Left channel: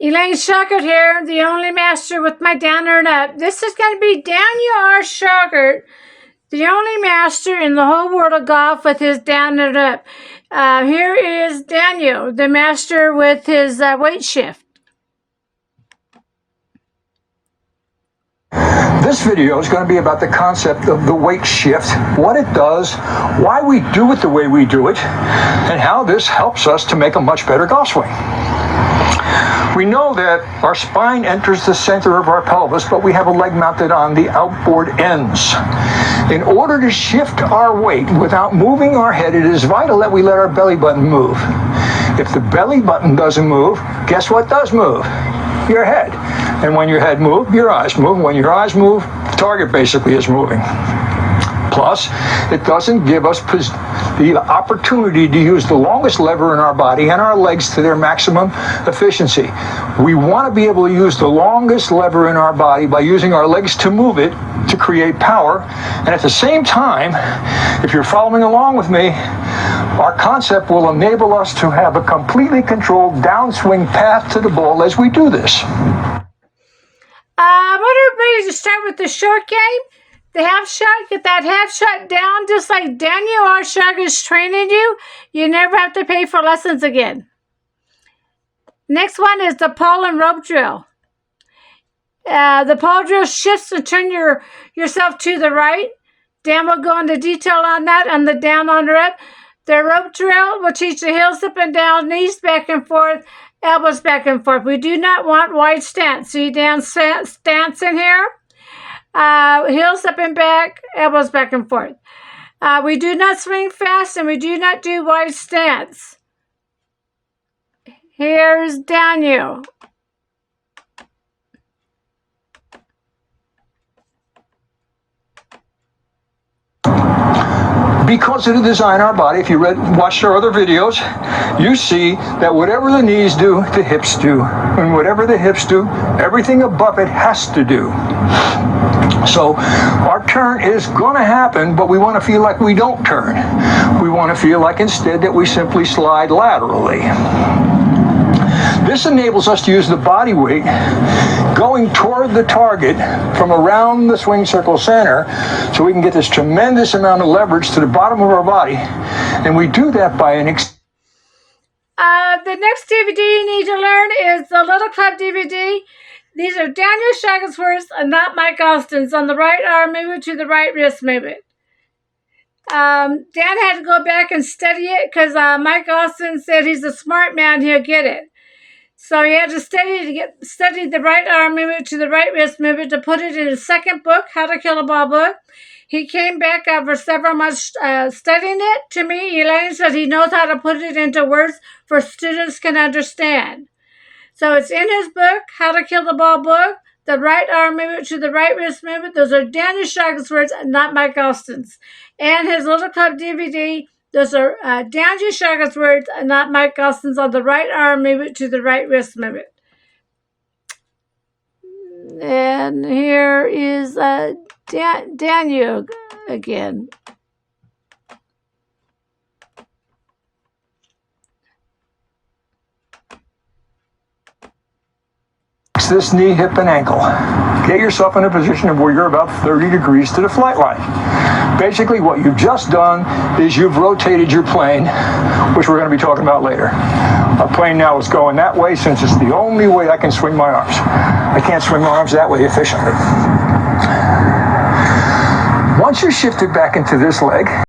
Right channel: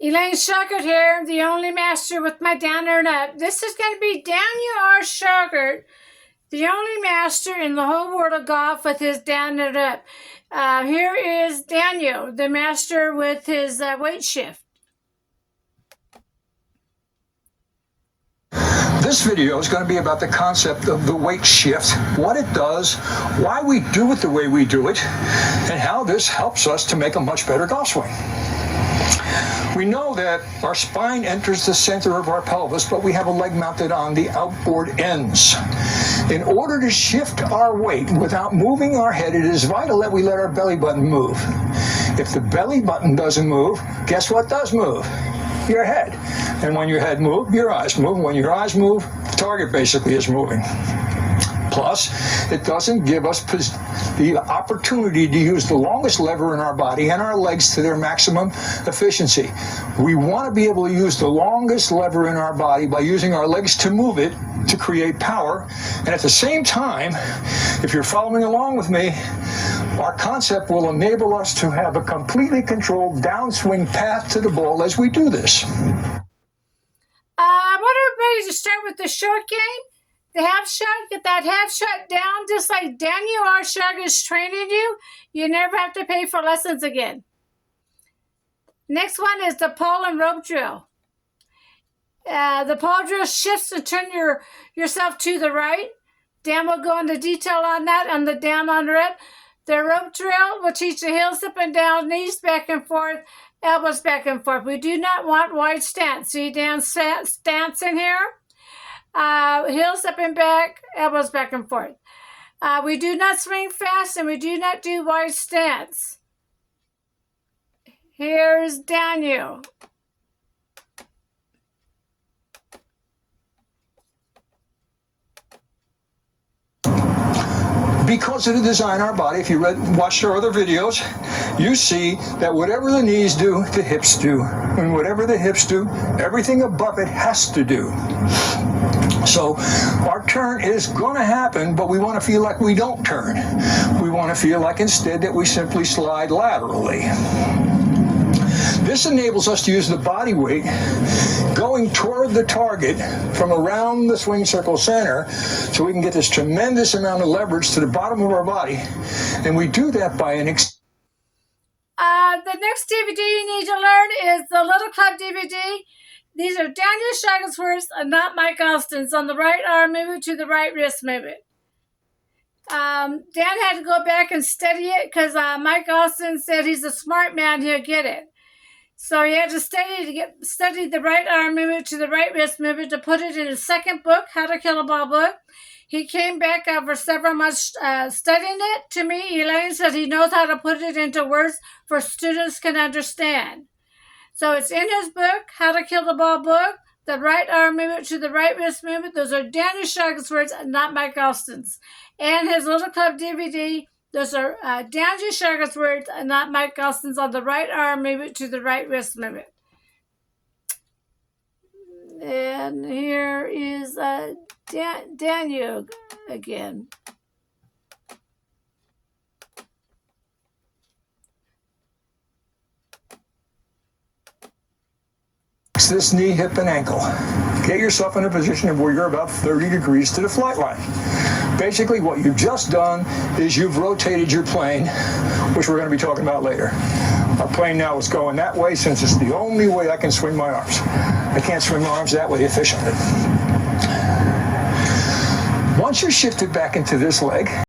Elaine Shauger here, the only master with my downer and up. This is going to be Daniel R. Shauger, the only master in the whole world of golf with his down and up. Here is Daniel, the master with his weight shift. This video is going to be about the concept of the weight shift, what it does, why we do it the way we do it, and how this helps us to make a much better golf swing. We know that our spine enters the center of our pelvis, but we have a leg mounted on the outboard ends. In order to shift our weight without moving our head, it is vital that we let our belly button move. If the belly button doesn't move, guess what does move? Your head. And when your head moves, your eyes move. When your eyes move, the target basically is moving. Plus, it doesn't give us the opportunity to use the longest lever in our body and our legs to their maximum efficiency. We want to be able to use the longest lever in our body by using our legs to move it to create power. And at the same time, if you're following along with me, our concept will enable us to have a completely controlled downswing path to the ball as we do this. I want everybody to start with the short game. The half shot, get that half shot down just like Daniel R. Shauger is training you. You never have to pay for lessons again. Next one is the pole and rope drill. The pole drill shifts and turn yourself to the right. Dan will go into detail on that on the down on rep. The rope drill will teach the heels up and down, knees back and forth, elbows back and forth. We do not want wide stance. See Dan's stance in here? Heels up and back, elbows back and forth. We do not swing fast and we do not do wide stance. Here's Daniel. Because of the design of our body, if you watched our other videos, you see that whatever the knees do, the hips do. And whatever the hips do, everything above it has to do. So our turn is going to happen, but we want to feel like we don't turn. We want to feel like instead that we simply slide laterally. This enables us to use the body weight going toward the target from around the swing circle center so we can get this tremendous amount of leverage to the bottom of our body. And we do that by an the next DVD you need to learn is the Little Club DVD. These are Daniel Shauger's words and not Mike Austin's on the right arm movement to the right wrist movement. Dan had to go back and study it because Mike Austin said he's a smart man, he'll get it. So he had to study the right arm movement to the right wrist movement to put it in his second book, How to Kill a Ball book. He came back after several months studying it. To me, Elaine said he knows how to put it into words for students can understand. So it's in his book, How to Kill the Ball book, the right arm movement to the right wrist movement. Those are Daniel Shauger's words and not Mike Austin's. And his Little Club DVD, those are Daniel Shauger's words and not Mike Austin's on the right arm movement to the right wrist movement. And here is Daniel again. This knee, hip, and ankle. Get yourself in a position of where you're about 30 degrees to the flight line. Basically, what you've just done is you've rotated your plane, which we're going to be talking about later. Our plane now is going that way since it's the only way I can swing my arms. I can't swing my arms that way efficiently. Once you're shifted back into this leg,